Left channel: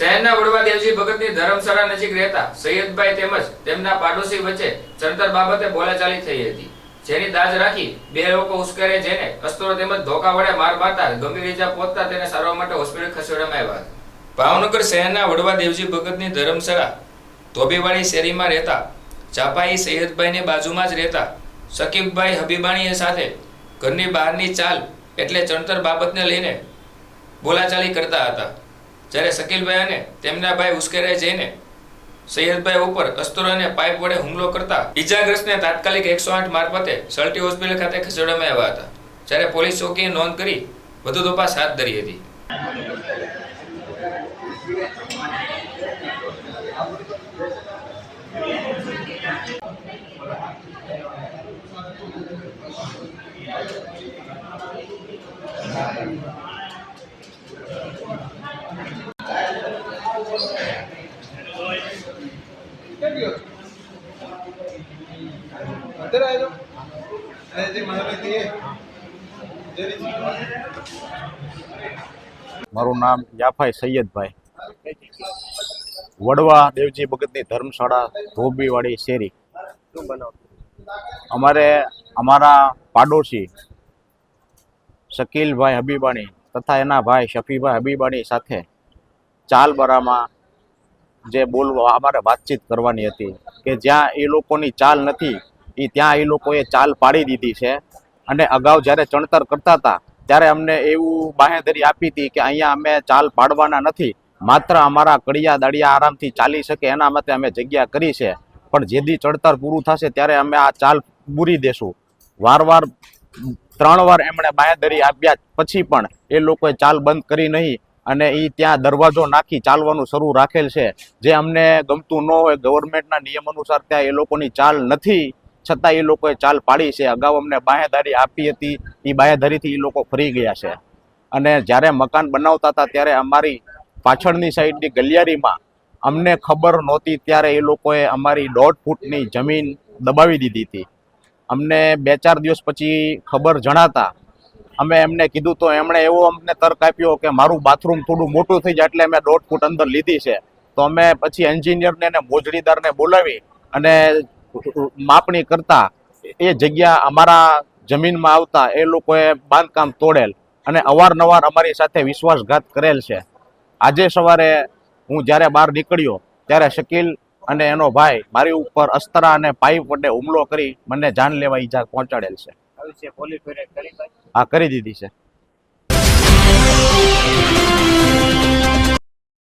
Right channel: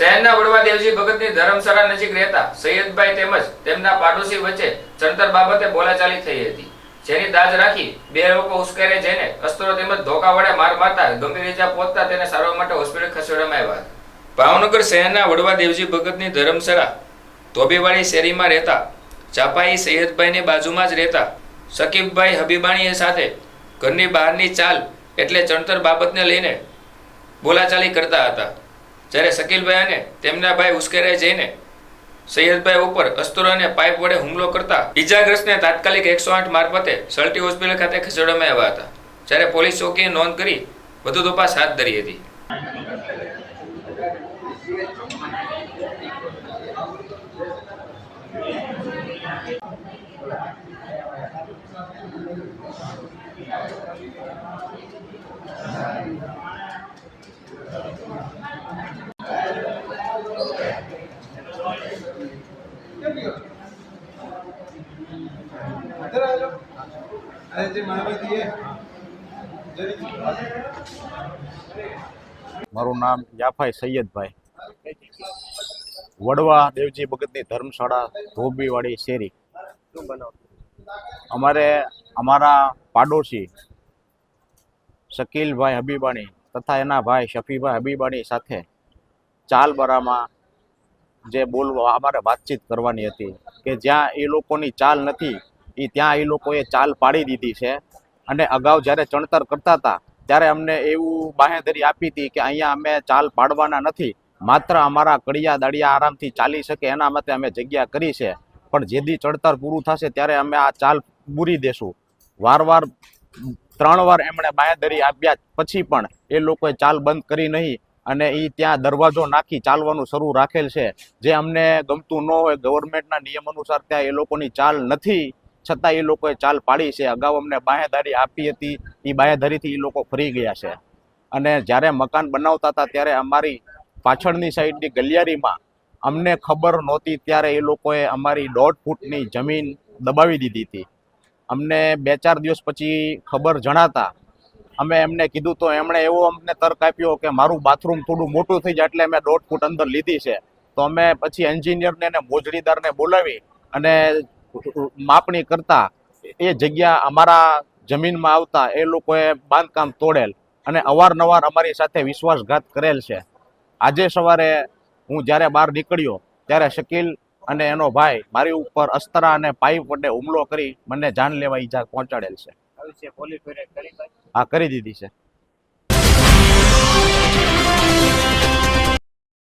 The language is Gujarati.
શહેરના વડવા દેવજી ભગતની ધર્મશાળા નજીક રહેતા સૈયદભાઈ તેમજ તેમના પાડોશી વચ્ચે ચણતર બાબતે બોલાચાલી થઈ હતી. જેની દાજ રાખી બે લોકો ઉશ્કેરે જઈને અસ્ત્રો તેમજ ધોકા વડે માર મારતા ગંભીર ઇજા પહોંચતા તેને સારવાર માટે હોસ્પિટલ ખસેડવામાં આવ્યા હતા. ભાવનગર શહેરના વડવા દેવજી ભગતની ધર્મશાળા ધોબીવાડી શેરીમાં રહેતા ચાપાઈ સૈયદભાઈની બાજુમાં જ રહેતા શકીબભાઈ હબીબાણીએ સાથે ઘરની બહારની ચાલ એટલે ચણતર બાબતને લઈને બોલાચાલી કરતા હતા. જ્યારે શકીલભાઈ અને તેમના ભાઈ ઉશ્કેરાઈ જઈને સૈયદભાઈ ઉપર અસ્તુર અને પાઇપ વડે હુમલો કરતા ઇજાગ્રસ્તને તાત્કાલિક એકસો આઠ મારફતે સલટી હોસ્પિટલ ખાતે ખસેડવામાં આવ્યા હતા. જ્યારે પોલીસ ચોકીએ નોંધ કરી વધુ તપાસ હાથ ધરી હતી. મારું નામ યાફાઈ સૈયદભાઈ. વડવા દેવજી ભગતની ધર્મશાળા ધોબીવાડી શેરી. અમારે અમારા પાડોશી શકીલભાઈ હબીબાણી તથા એના ભાઈ શફીભાઈ હબીબાણી સાથે ચાલબરામાં જે બોલવા અમારે વાતચીત કરવાની હતી કે જ્યાં એ લોકોની ચાલ નથી એ ત્યાં એ લોકોએ ચાલ પાડી દીધી છે. અને અગાઉ જ્યારે ચણતર કરતા હતા, ત્યારે અમને એવું બાહેધરી આપી હતી કે અહીંયા અમે ચાલ પાડવાના નથી, માત્ર અમારા કડિયા દાડિયા આરામથી ચાલી શકે એના માટે અમે જગ્યા કરી છે. પણ જેદી ચડતર પૂરું થશે ત્યારે અમે આ ચાલ પૂરી દેશું. વારવાર, ત્રણ વાર એમણે બાહેધરી આપ્યા પછી પણ એ લોકોએ ચાલ બંધ કરી નહીં. અને એ ત્યાં દરવાજો નાખી ચાલવાનું શરૂ રાખેલ છે. જે અમને ગમતું ન હોય ગવર્મેન્ટના નિયમ અનુસાર ત્યાં એ લોકોની ચાલ નથી. છતાં એ લોકોએ ચાલ પાડી છે. અગાઉ અમને બાહેધારી આપી હતી. એ બાહેધારીથી એ લોકો ફરી ગયા છે. અને જ્યારે મકાન બનાવતા હતા ત્યારે અમારી પાછળની સાઈડની ગલિયારીમાં અમને ખબર નહોતી ત્યારે એ લોકોએ અમારી દોઢ ફૂટની જમીન દબાવી દીધી હતી. અમને બે ચાર દિવસ પછી ખબર જણાતા અમે એમને કીધું તો એમણે એવો અમને તર્ક આપ્યો કે મારું બાથરૂમ થોડું મોટું થઈ જાય એટલે મેં દોઢ ફૂટ અંદર લીધી છે. તો અમે પછી એન્જિનિયરને અને મોજડીદારને બોલાવી અને માપણી કરતા એ જગ્યા અમારા જમીનમાં આવતા એ લોકોએ બાંધકામ તોડેલ અને અવારનવાર અમારી સાથે વિશ્વાસઘાત કરેલ છે. આજે સવારે હું જ્યારે બહાર નીકળ્યો ત્યારે શકીલ અને એનો ભાઈ મારી ઉપર અસ્તરા અને પાઇપ વડે હુમલો કરી મને જાન લેવા ઈજા પહોંચાડેલ છે. હા કરી દીધી છે.